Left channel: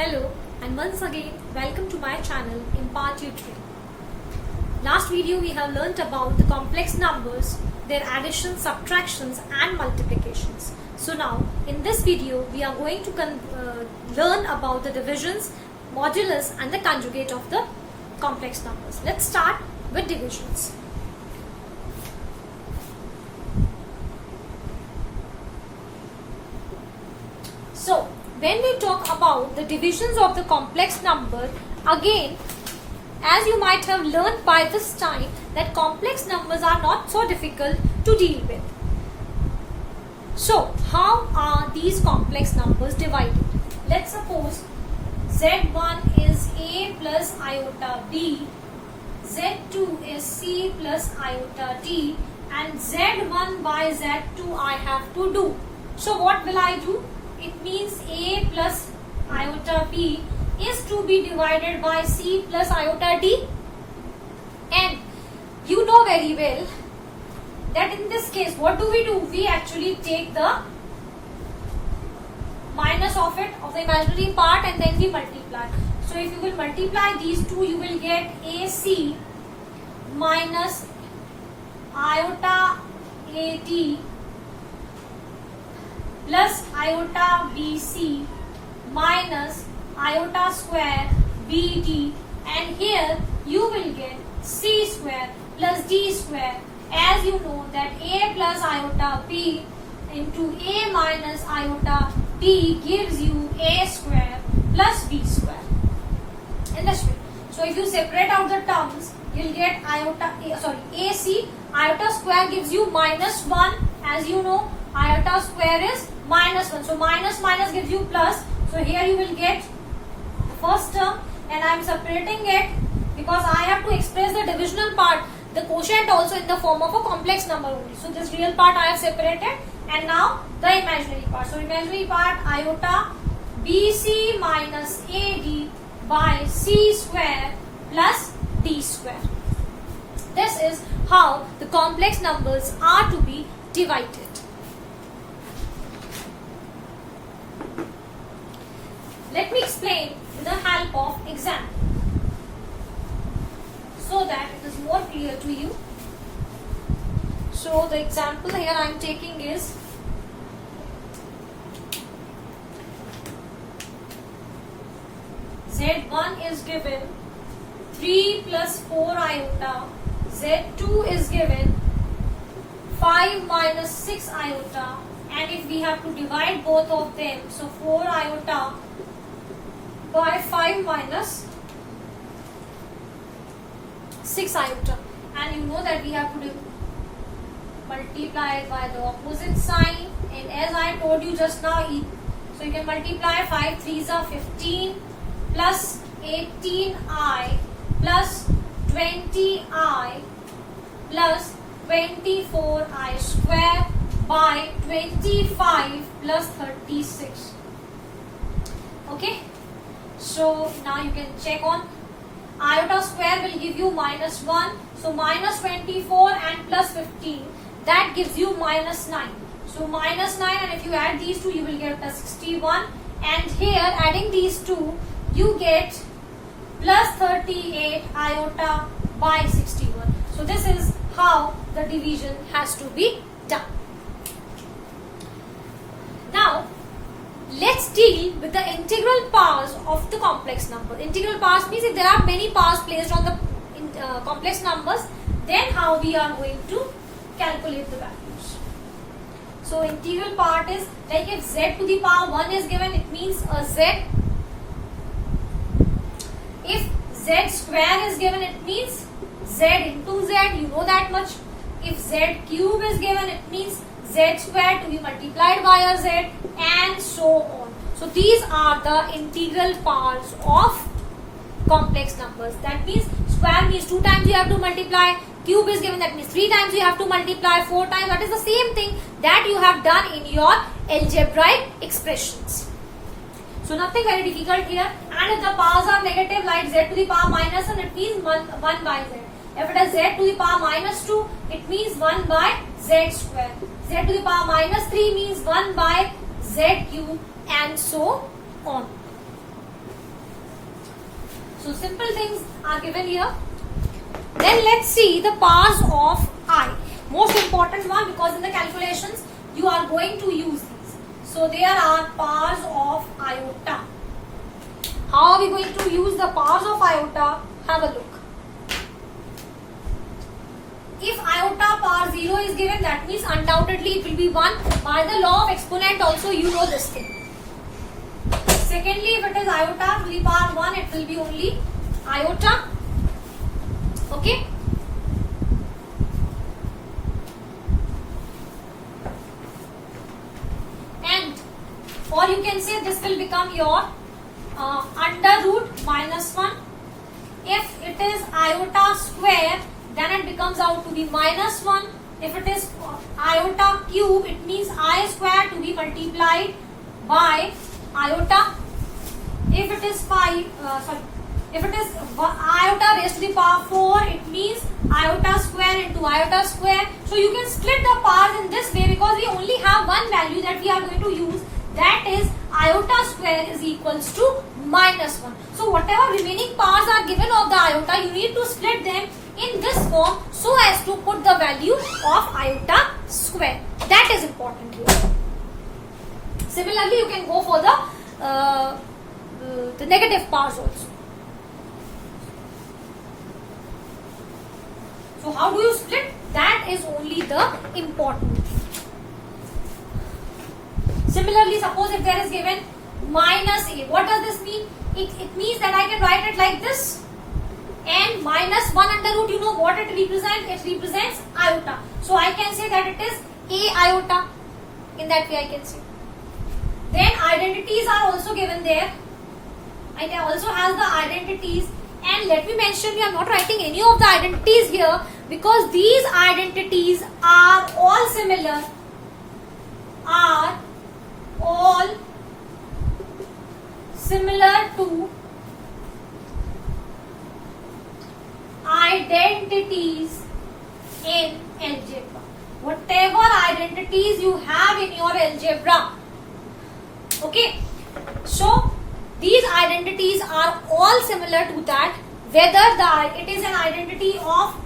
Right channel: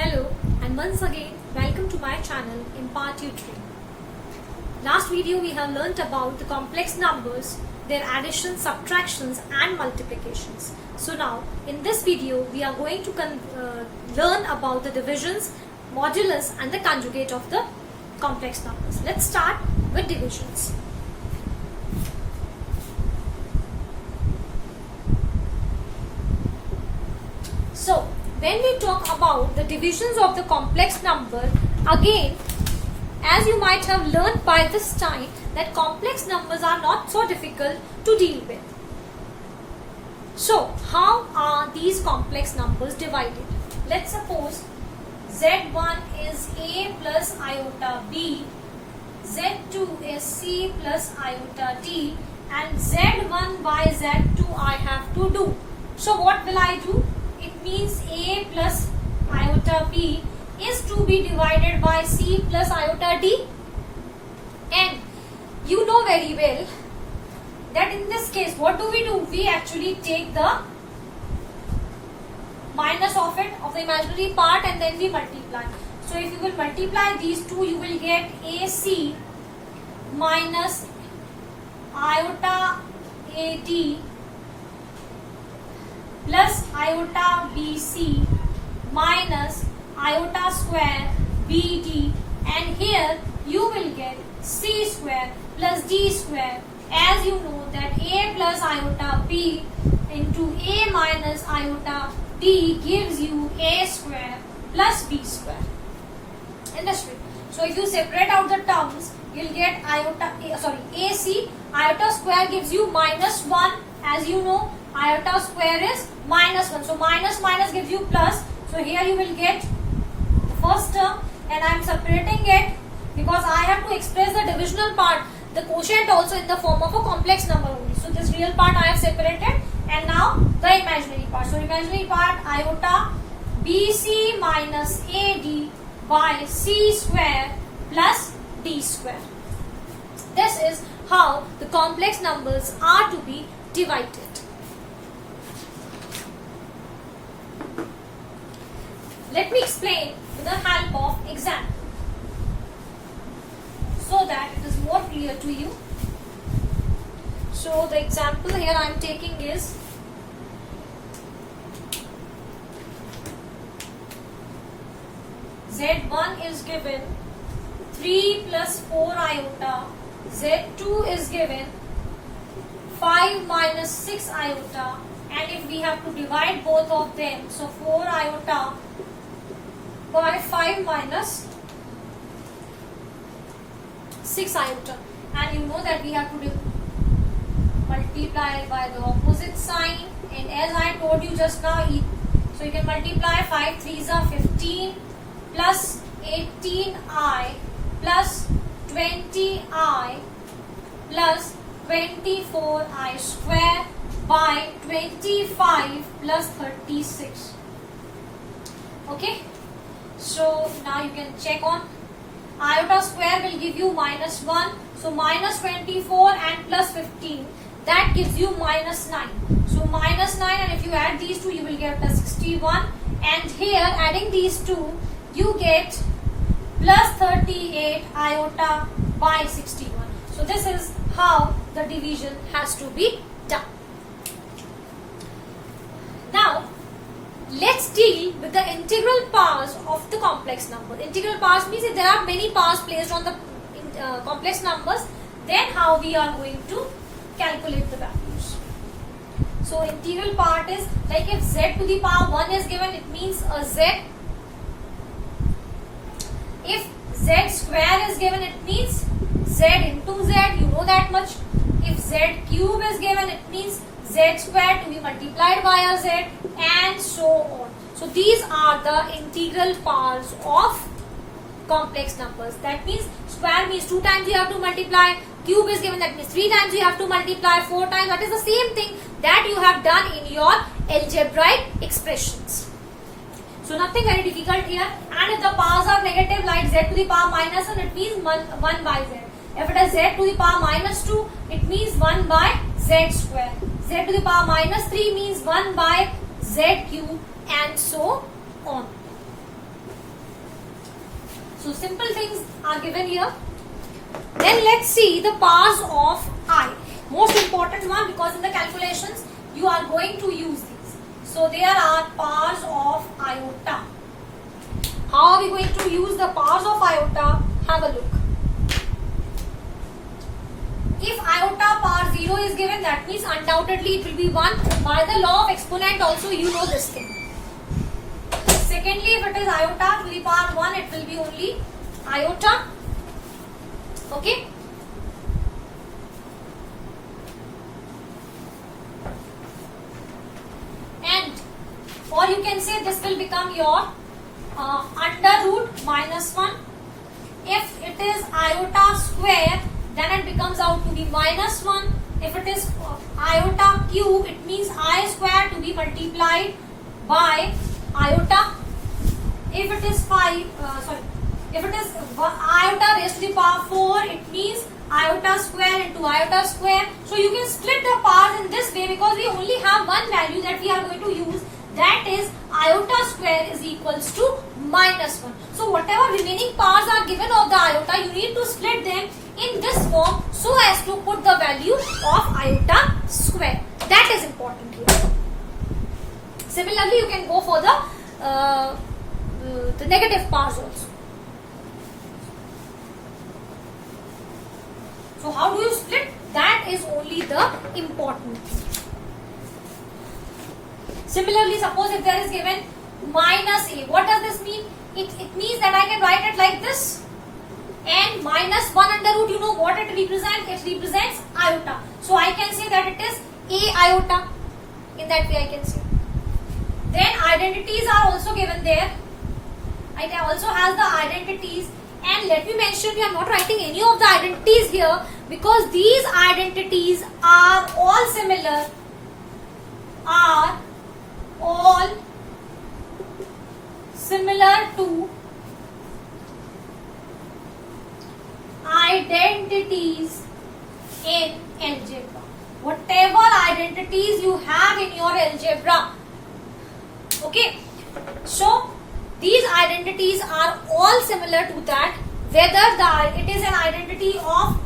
Hello and once again welcome to my channel Impart Tutoring. Last video we have learnt about the complex numbers, their additions, subtractions and multiplications. So now in this video we are going to learn about the divisions, modulus and the conjugate of the complex numbers. Let's start with divisions. So when we talk about the divisions of the complex number, again, as you might have learned by this time, that complex numbers are not so difficult to deal with. So, how are these complex numbers divided? Let's suppose Z1 is A plus iota B, Z2 is C plus iota D, and Z1 by Z2 I have to do. So, what will I do? It means A plus iota B is to be divided by C plus iota D. And you know very well that in this case, what do? We actually take the minus of it, of the imaginary part, and then we multiply. So if you will multiply these two, you will get AC minus iota AD plus iota BC minus iota square BD, and here you will get C square plus D square. As you know that A plus iota B into A minus iota D gives you A square plus B square. Understood? So if you separate out the terms, you'll get AC. Iota square gives you minus 1. As you know, iota square is minus 1. So minus minus gives you plus. So here you will get the first term, and I am separating it because I have to express the divisional part, the quotient also in the form of a complex number only. So this real part I have separated, and now the imaginary part. So imaginary part iota BC minus AD by C square plus D square. This is how the complex numbers are to be divided. Let me explain with the help of example so that it is more clear to you. So the example here I am taking is Z1 is given 3 plus 4 iota, Z2 is given 5 minus 6 iota, and if we have to divide both of them, so 4 iota by 5 minus 6 iota, and you know that we have to multiply it by the opposite sign, and as I told you just now, so you can multiply 5 3s are 15 plus 18i plus 20i plus 24i square by 25 plus 36. Okay, so now you can check on iota square will give you minus 1, so minus 24 and plus 15, that gives you minus 9. So minus 9, and if you add these two you will get plus 61, and here adding these two you get plus 38 iota by 61. So this is how the division has to be done. Now let's deal with the integral powers of the complex number. Integral powers means if there are many powers placed on the complex numbers, then how we are going to calculate the values. So integral part is like if z to the power 1 is given, it means a z. If z square is given, it means z into z, you know that much. If z cube is given, it means z square to be multiplied by a z, and so on. So these are the integral powers of complex numbers. That means square means 2 times you have to multiply, cube is given, that means 3 times you have to multiply, 4 times, that is the same thing that you have done in your algebraic expressions. So nothing very difficult here, and if the powers are negative like z to the power minus 1, it means 1 by z. If it is z to the power minus 2, it means 1 by z square. Z to the power minus 3 means 1 by z cube, and so on. So simple things are given here. Then let's see the powers of I. Most important one, because in the calculations you are going to use these. So there are powers of iota. How are we going to use the powers of iota? Have a look. If iota power 0 is given, that means undoubtedly it will be 1. By the law of exponent also you know this thing. Secondly, if it is iota to the power 1, it will be only iota. Okay. And or you can say this will become your under root minus 1. If it is iota square, then it becomes out to be minus 1. If it is iota cube, it means I square to be multiplied by iota. If it is if it is iota raised to the power 4, it means iota square into iota square. So you can split the powers in this way, because we only have one value that we are going to use, that is iota square is equals to minus 1. So whatever remaining powers are given of the iota, you need to split them in this form so as to put the value of iota square. That is important here. Similarly, you can go for the negative powers also. So how do you split? That is only the important thing. Similarly, suppose if there is given minus a, what does this mean? It means that I can write it like this. And minus 1 under root, you know what it represents? It represents iota. So I can say that it is a iota. In that way I can say. Then identities are also given there. It also has the identities. And let me mention, we are not writing any of the identities here, because these identities are all similar. To identities in algebra. Whatever identities you have in your algebra. Okay. So these identities are all similar to that, whether it is an identity of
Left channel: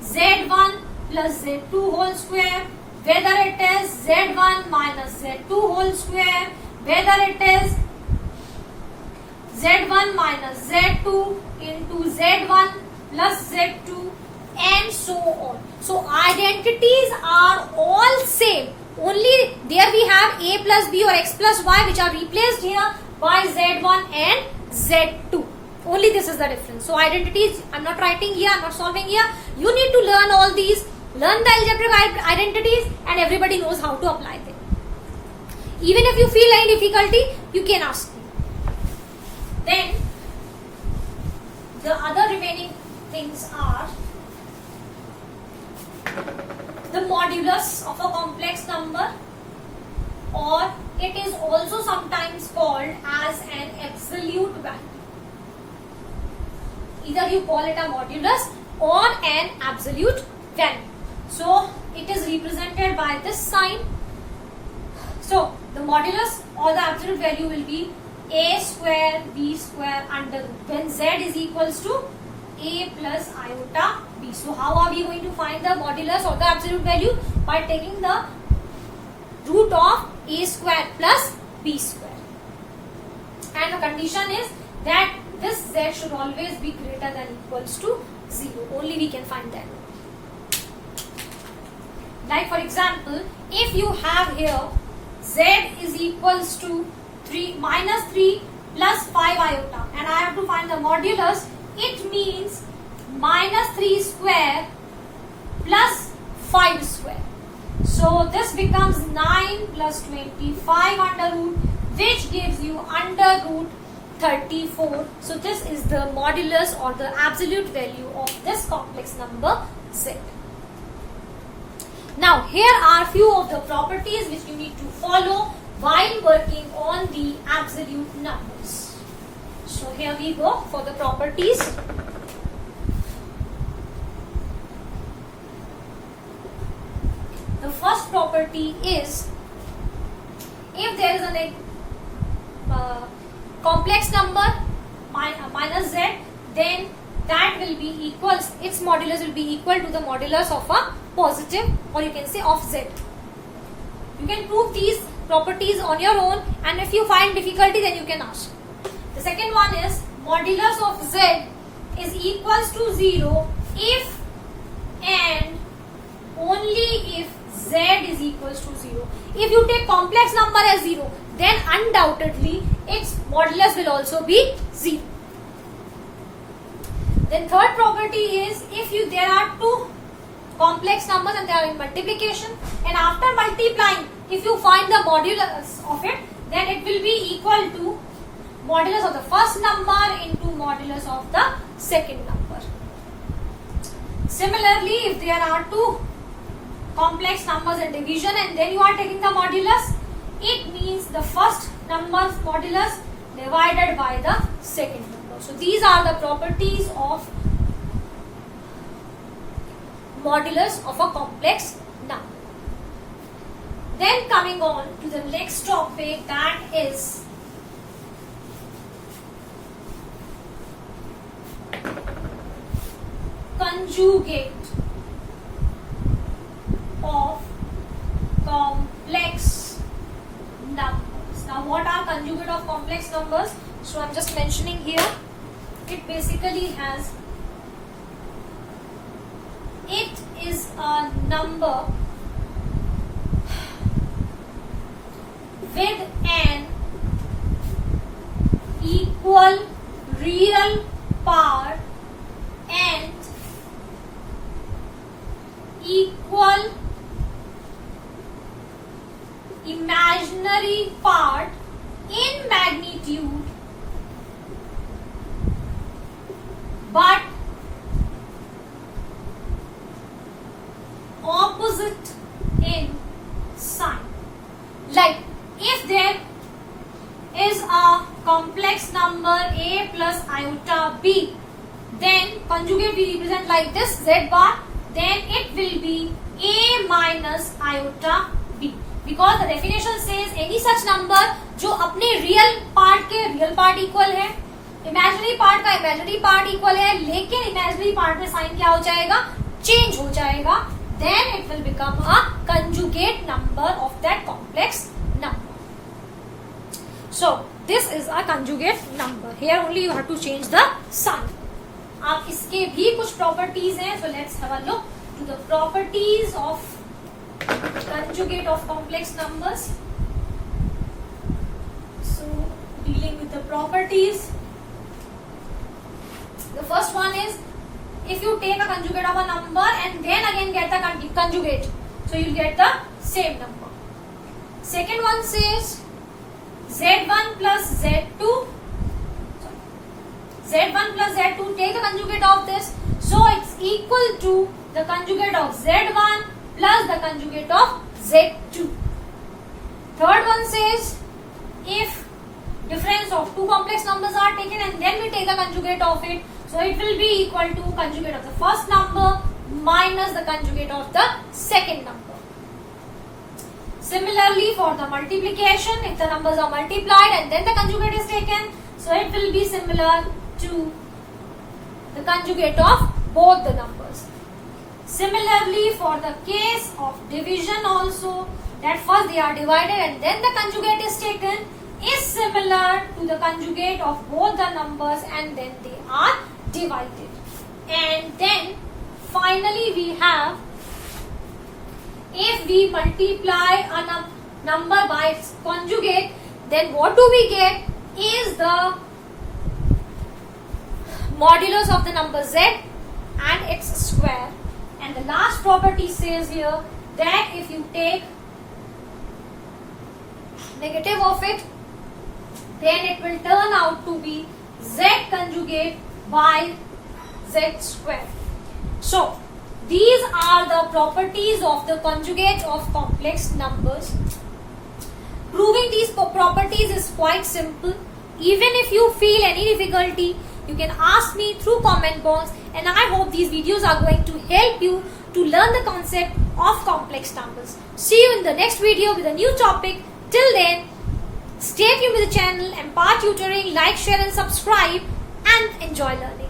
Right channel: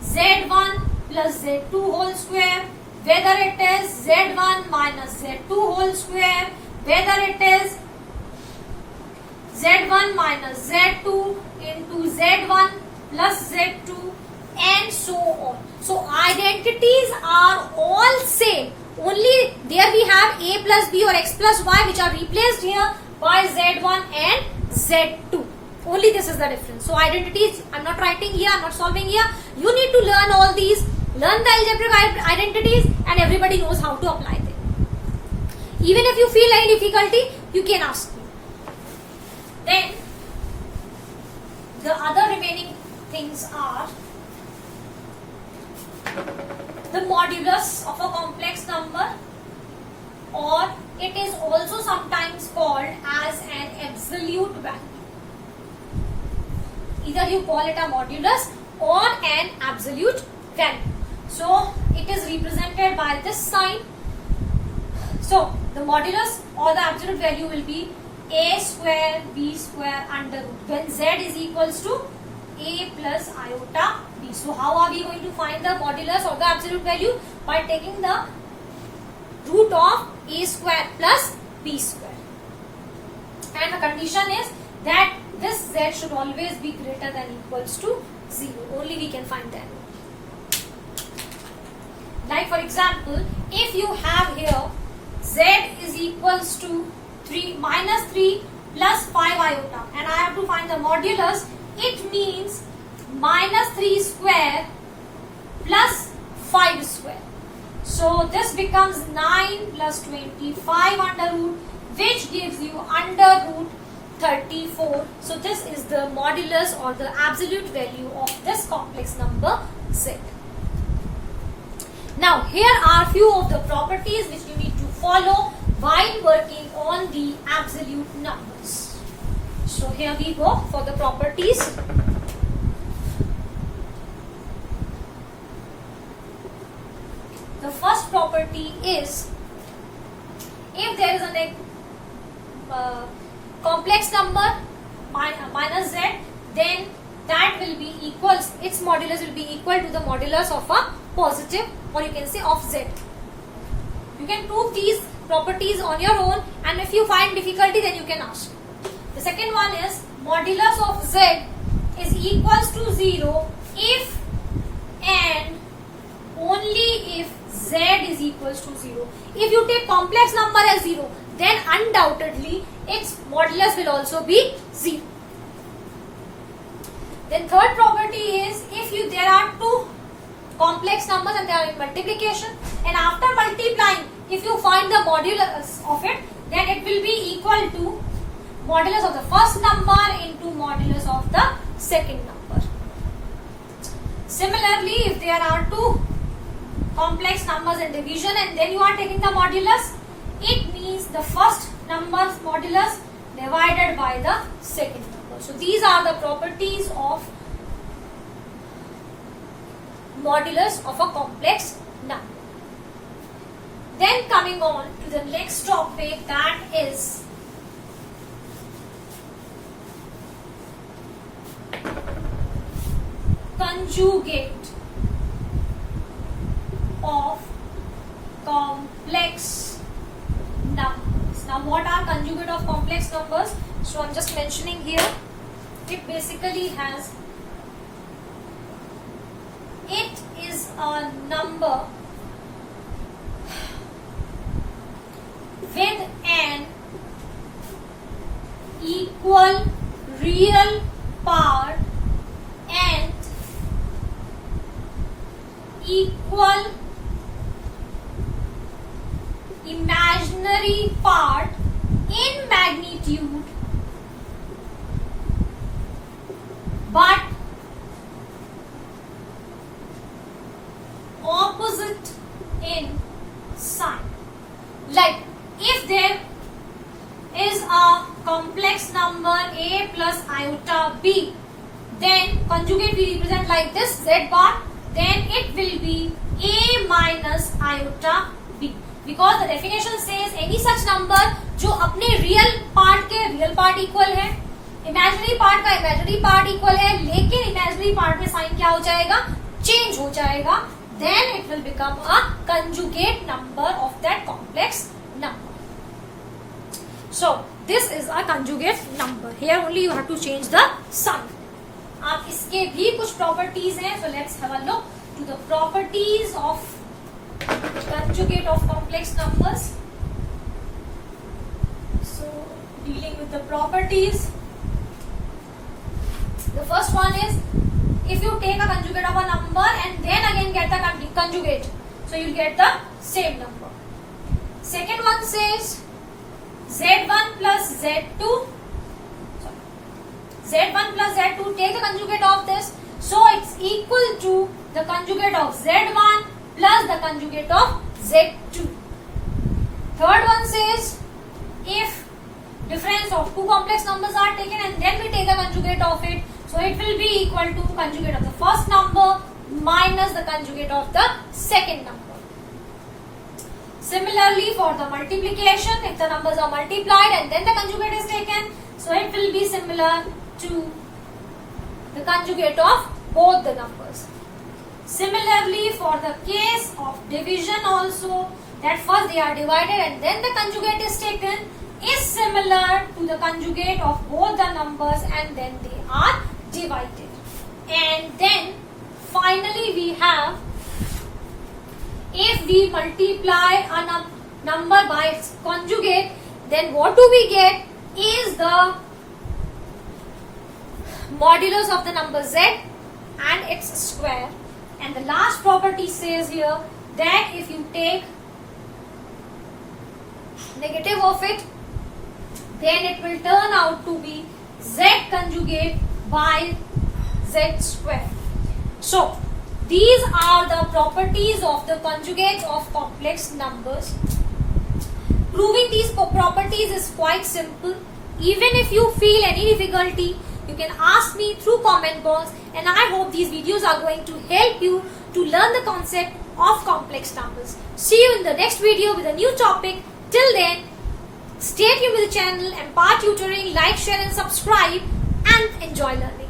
z1 plus z2 whole square, whether it is z1 minus z2 whole square, whether it is z1 minus z2 into z1 plus z2, and so on. So identities are all same. Only there we have a plus b or x plus y, which are replaced here by z1 and z2. Only this is the difference. So identities, I am not writing here, I am not solving here. You need to learn all these, learn the algebraic identities, and everybody knows how to apply them. Even if you feel any difficulty, you can ask me. Then the other remaining things are the modulus of a complex number, or it is also sometimes called as an absolute value. Either you call it a modulus or an absolute value. So it is represented by this sign. So the modulus or the absolute value will be a square b square under root, when z is equals to a plus iota b. So how are we going to find the modulus or the absolute value? By taking the root of a square plus b square. And the condition is that this z should always be greater than equals to 0. Only we can find that. Like for example, if you have here z is equals to minus 3 plus 5 iota, and I have to find the modulus, it means minus 3 square plus 5 square. So this becomes 9 plus 25 under root, which gives you under root 34. So this is the modulus or the absolute value of this complex number z. Now here are few of the properties which you need to follow while working on the absolute numbers. So here we go for the properties. The first property is, if there is a complex number minus z, then that will be equals, its modulus will be equal to the modulus of a positive, or you can say of z. You can prove these properties on your own, and if you find difficulty then you can ask. The second one is modulus of z is equals to 0 if and only if z is equals to 0. If you take complex number as 0, then undoubtedly its modulus will also be 0. Then third property is, if there are two complex numbers and they are in multiplication, and after multiplying, if you find the modulus of it, then it will be equal to modulus of the first number into modulus of the second number. Similarly, if there are two complex numbers in division and then you are taking the modulus, it means the first number's modulus divided by the second number. So these are the properties of modulus of a complex number. Then coming on to the next topic, that is conjugate of complex numbers. Now what are conjugate of complex numbers? So I'm just mentioning here, it basically has, it is a number with an equal real part and equal imaginary part in magnitude, but opposite in sign. Like if there is a complex number a plus iota b, then conjugate we represent like this, z bar, then it will be a minus iota b, because the definition says any such number जो अपने real part के real part equal है, imaginary part का imaginary part equal है, लेकिन imaginary part में sign क्या हो जाएगा, चेंज हो जाएगा, then it will become a conjugate number of that complex number. So this is a conjugate number. Here only you have to change the sign. अब इसके भी कुछ प्रॉपर्टीज हैं, so let's have a look to the properties of conjugate of complex numbers. So dealing with the properties, the first one is, if you take a conjugate of a number and then again get the conjugate, so you'll get the same number. Second one says z1 plus z2, z1 plus z2, take the conjugate of this, so it's equal to the conjugate of z1 plus the conjugate of z2. Third one says, if difference of two complex numbers are taken and then we take the conjugate of it, so it will be equal to conjugate of the first number minus the conjugate of the second number. Similarly, for the multiplication, if the numbers are multiplied and then the conjugate is taken, so it will be similar to the conjugate of both the numbers. Similarly, for the case of division also, that first they are divided and then the conjugate is taken, is similar to the conjugate of both the numbers and then they are divided. And then finally we have, if we multiply a number by its conjugate, then what do we get is the modulus of the number z and its square. And the last property says here that if you take negative of it, then it will turn out to be z conjugate by z square. So these are the properties of the conjugates of complex numbers. Proving these properties is quite simple. Even if you feel any difficulty, you can ask me through comment box, and I hope these videos are going to help you to learn the concept of complex numbers. See you in the next video with a new topic. Till then, stay tuned with the channel and Part Tutoring. Like, share and subscribe and enjoy learning.